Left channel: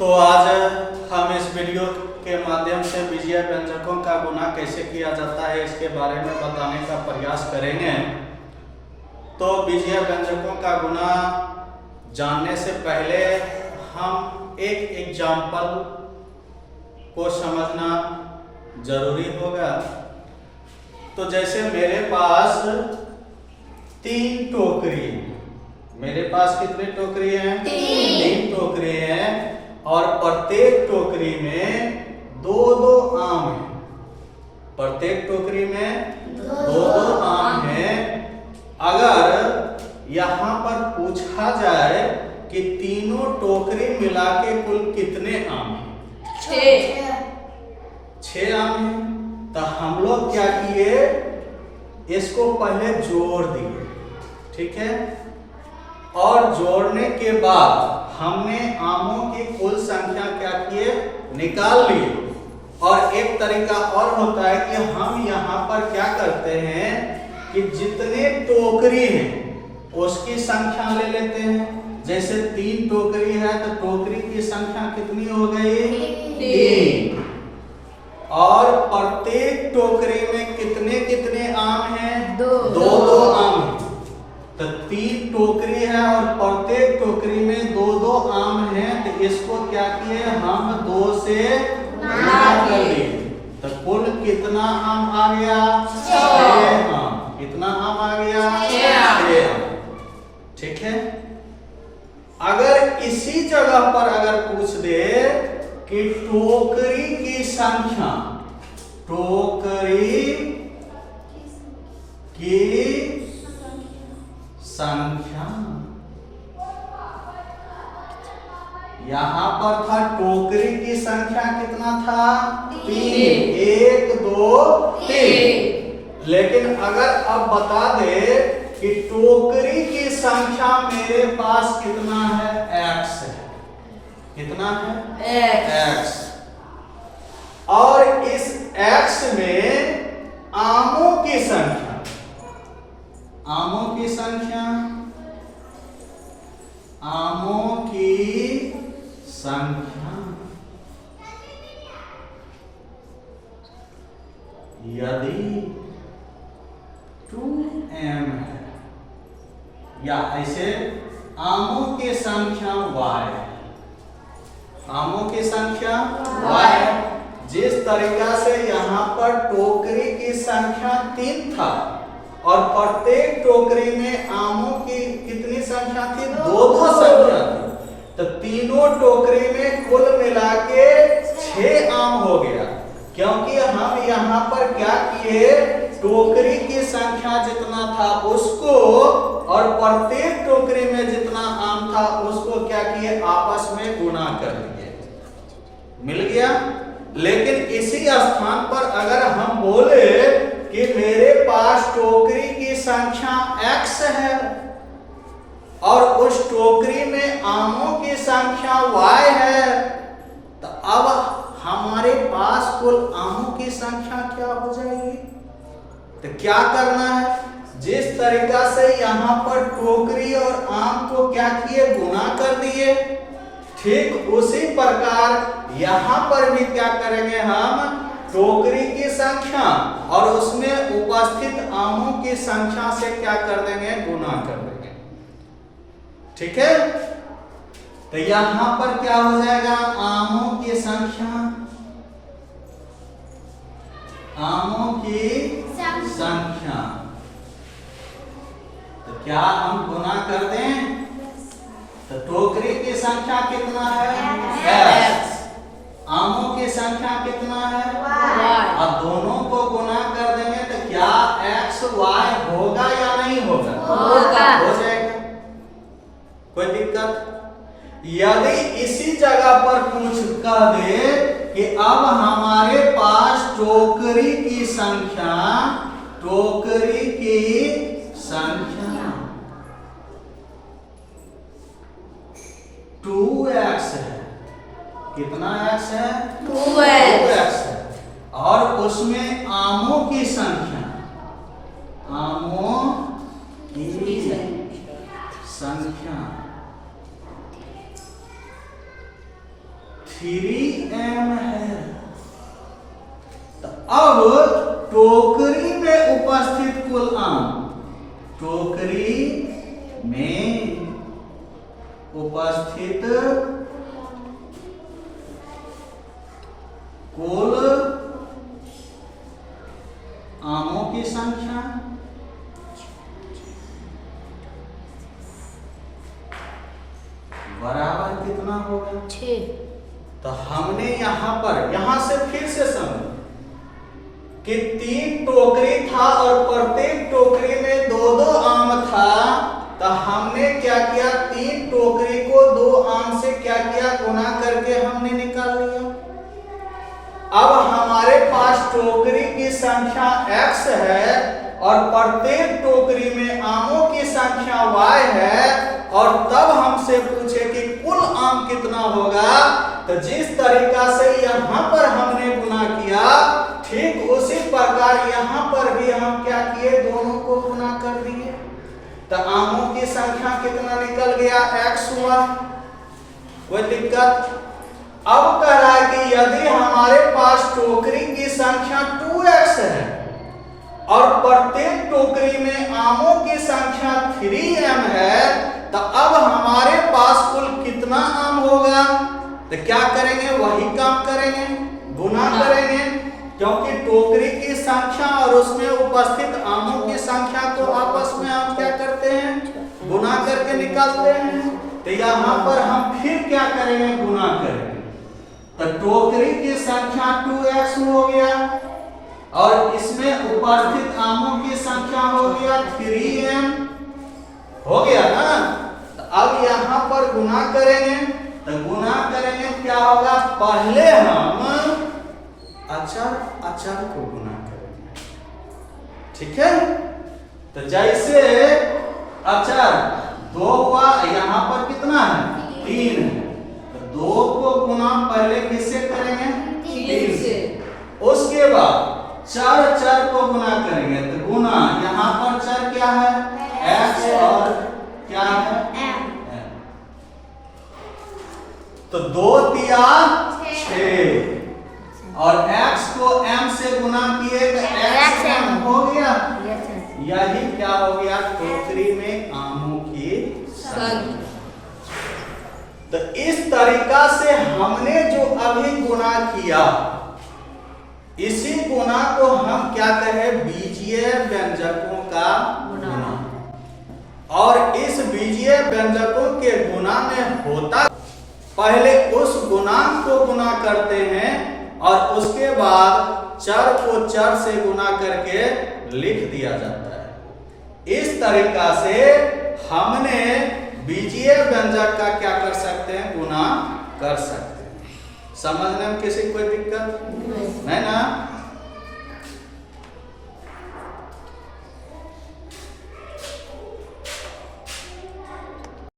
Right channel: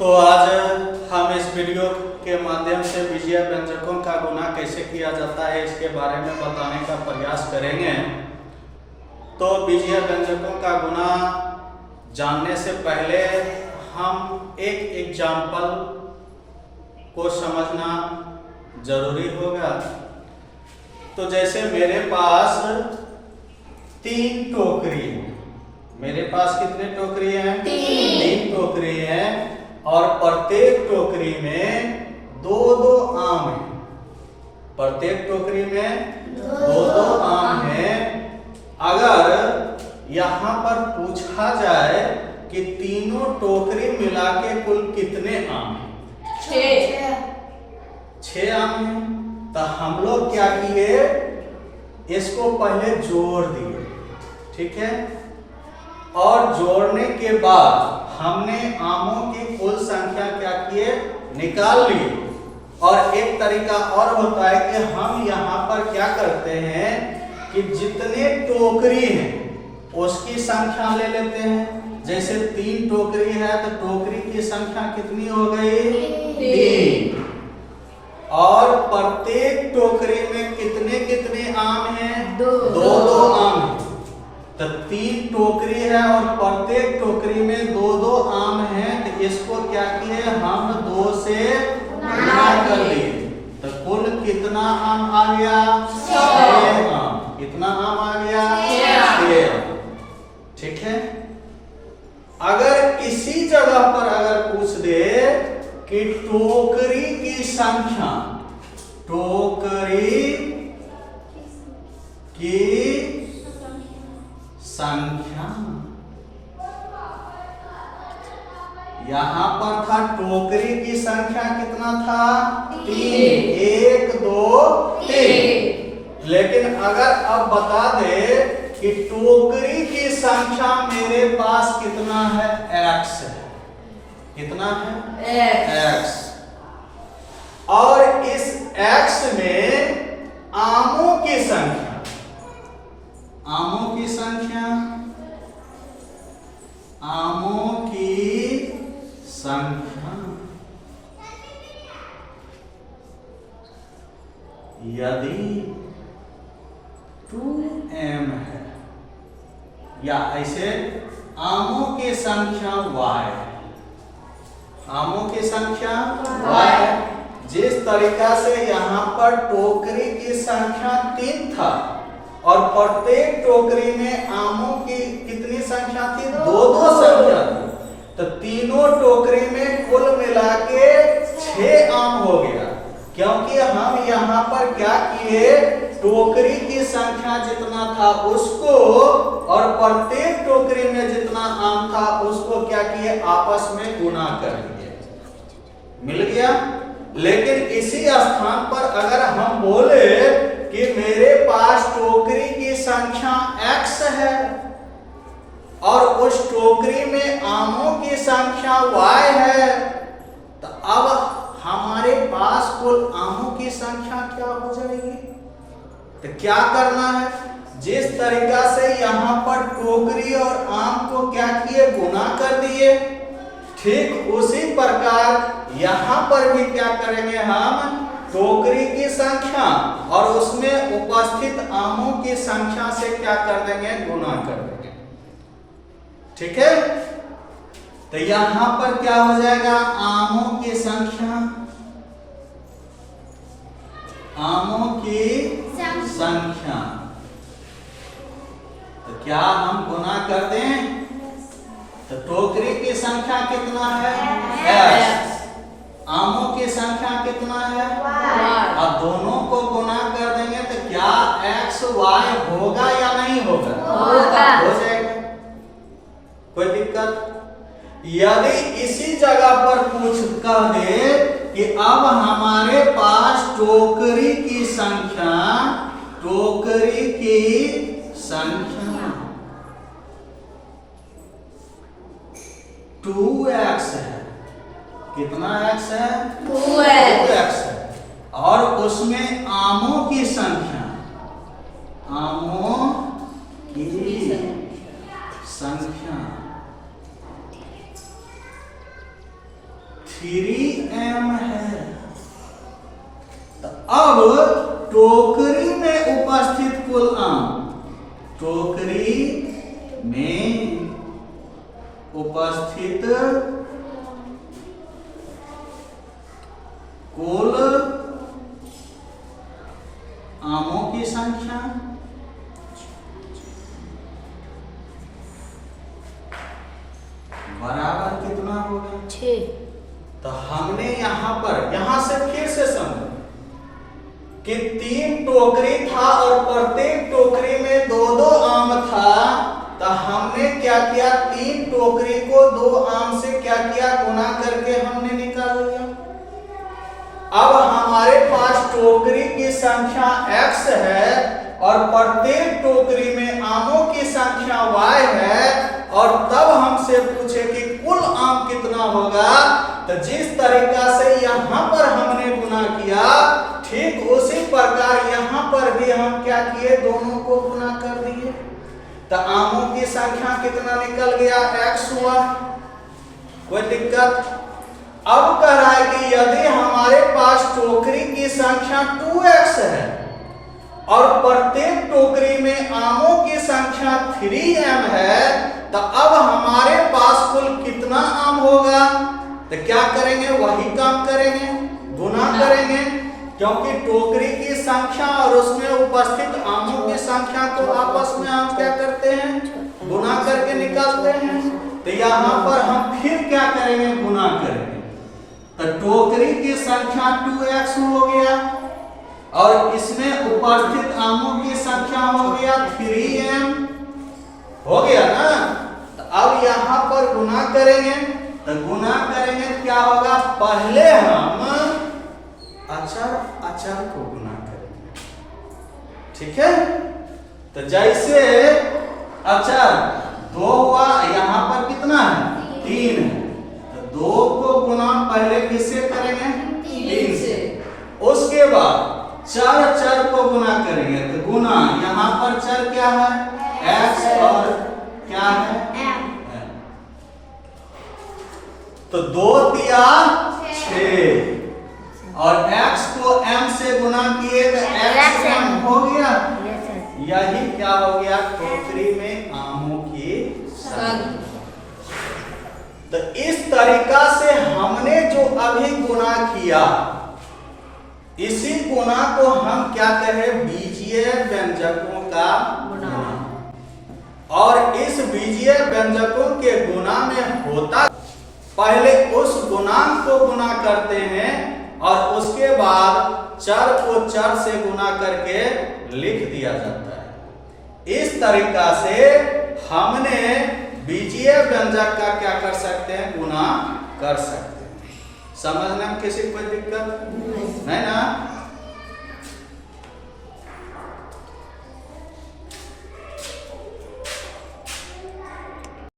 तो आज हम इस वीडियो के माध्यम से बीजीय व्यंजकों का गुणा कैसे किया जाता है इसके बारे में बताने का प्रयास करेंगे। तो बीजीय व्यंजकों का गुणा जानने से पहले हम एक एग्जाम्पल को समझना जरूरी होगा। तो जैसे मेरे पास 3 टोकरी, मेरे पास कितने टोकरी हैं? 3 टोकरी हैं और प्रत्येक टोकरी में 2-2 आम है। प्रत्येक टोकरी में 2-2 आम है। अगर यहाँ पर पूछा जाए कि तीनों टोकरी मिला के कुल कितने आम हैं? 6 आम हैं। तो हम लोग क्या किए, इसको पहले जोड़ दिए, ठीक है। और जोड़ने के बाद हमने आमों की कुल संख्या क्या किए, निकाल ली। और एक तरीका और होता है कि हम यहाँ पर क्या करते हैं कि जितने टोकरी हैं उसकी संख्या ले लेते हैं। जैसे 3 टोकरी है तो टोकरी की संख्या कितनी हो गई? 3। और प्रत्येक टोकरी में कितने कितने आम हैं? 2-2 आम हैं। तो 3 टोकरी है और प्रत्येक टोकरी में 2-2 आम हैं। तो इसको क्या किए हम 2 से गुणा कर दिए। तो कुल कितना आम आ गया? 6 आम। कितना आम आ गया? 6 आम। ठीक है। अगर इसी जगह पर अगर पूछ दे कि टोकरी की संख्या, टोकरी की संख्या, यहां पर था टोकरी की संख्या कितना था? 3। 1 2 3। लेकिन अगर अब बता दे कि टोकरी की संख्या मेरे पास कितना है? x है। कितना है? x। और इस x में आमों की संख्या, आमों की संख्या, आमों की संख्या यदि 2m है, या ऐसे आमों की संख्या y है, आमों की संख्या y है। जिस तरीका से यहाँ पर टोकरी की संख्या 3 था और प्रत्येक टोकरी में आमों की कितनी संख्या थी? 2-2 संख्या थी। तो तीनों टोकरी में कुल मिला के 6 आम हो गया। क्योंकि हम यहाँ पर क्या किए, टोकरी की संख्या जितना था उसको और प्रत्येक टोकरी में जितना आम था उसको क्या किए, आपस में गुणा करेंगे। मिल गया। लेकिन इसी स्थान पर अगर हम बोले कि मेरे पास टोकरी की संख्या x है और उस टोकरी में आमों की संख्या y है, तो अब हमारे पास कुल आमों की संख्या क्या हो जाएगी? तो क्या करना है, जिस तरीका से यहाँ पर टोकरी और आम को क्या किए, गुणा कर दिए, ठीक उसी प्रकार यहाँ पर भी क्या करेंगे हम, टोकरी की संख्या और उसमें उपस्थित आमों की संख्या से क्या कर देंगे, गुणा कर देंगे। ठीक है। तो यहां पर क्या हो जाएगा, आमों की संख्या, आमों की संख्या। तो क्या हम गुणा कर दें? तो टोकरी की संख्या कितना है? x। आमों की संख्या कितना है? y। अब दोनों को गुणा कर देंगे तो क्या x y होगा या नहीं होगा? होगा। हो जाएगा, कोई दिक्कत। यदि इसी जगह पर पूछ कर दे कि अब हमारे पास टोकरी की संख्या, टोकरी की संख्या 2x है। कितना x है? 2x है। और उसमें आमों की संख्या, आमों की संख्या 3m है। तो अब टोकरी में उपस्थित कुल आम, टोकरी में उपस्थित कुल आमों की संख्या बराबर कितना होगा? 6। तो हमने यहां से फिर से समझो कि 3 टोकरी था और प्रत्येक टोकरी में 2-2 आम था। तो हमने क्या किया, 3 टोकरी को 2 आम से क्या किया, गुना करके हमने निकाल लिया। अब हमारे पास टोकरी की संख्या x है और प्रत्येक टोकरी में आमों की संख्या y है, और तब हमसे पूछे कि कुल आम कितना होगा। तो जिस तरीका से यहां पर हमने गुना किया, ठीक उसी प्रकार यहां पर भी हम क्या किए, दोनों को गुना कर दिए। तो आमों की संख्या कितना निकल गया, x हुआ। कोई दिक्कत? अब कह रहा है कि यदि हमारे पास टोकरी की संख्या 2x है और प्रत्येक टोकरी में आमों की संख्या 3m है, तो अब हमारे पास कुल कितना आम होगा? तो क्या करेंगे, वही काम करेंगे, गुना करेंगे, क्योंकि टोकरी की संख्या और उसमें उपस्थित आमों की संख्या को आपस में हम क्या करते हैं, गुना करके निकालते हैं। तो यहाँ पर हम फिर क्या करेंगे, गुना करेंगे। तो टोकरी की संख्या 2x हो गया और इसमें उपस्थित आमों की संख्या हो गया 3m, हो गया ना। तो अब यहाँ पर गुना करेंगे। तो गुना करेंगे क्या होगा, पहले हम अचर को गुना करेंगे, ठीक है। तो जैसे अचर 2 हुआ, यहाँ पर कितना है, 3 है। तो 2 को गुना पहले किससे करेंगे, 3 से। उसके बाद चर को गुना करेंगे। तो गुना यहाँ पर चर क्या है, x और क्या है, m। तो 2 दिया 6 और x को m से गुना किए तो x m हो गया। यही क्या हो गया, टोकरी में आमों की संख्या। तो इस तरीका से हमने जो अभी गुना किया, इसी गुना को हम क्या कहें, बीजीय व्यंजकों का गुना। और इस बीजीय व्यंजकों के गुना में होता, पहले उस गुणांक को गुना करते हैं और उसके बाद चर को चर से गुना करके लिख दिया जाता है। इस तरीका से हमने बीजीय व्यंजक का क्या कर सकते हैं, गुना कर सकते हैं। समझने में किसी कोई दिक्कत नहीं ना।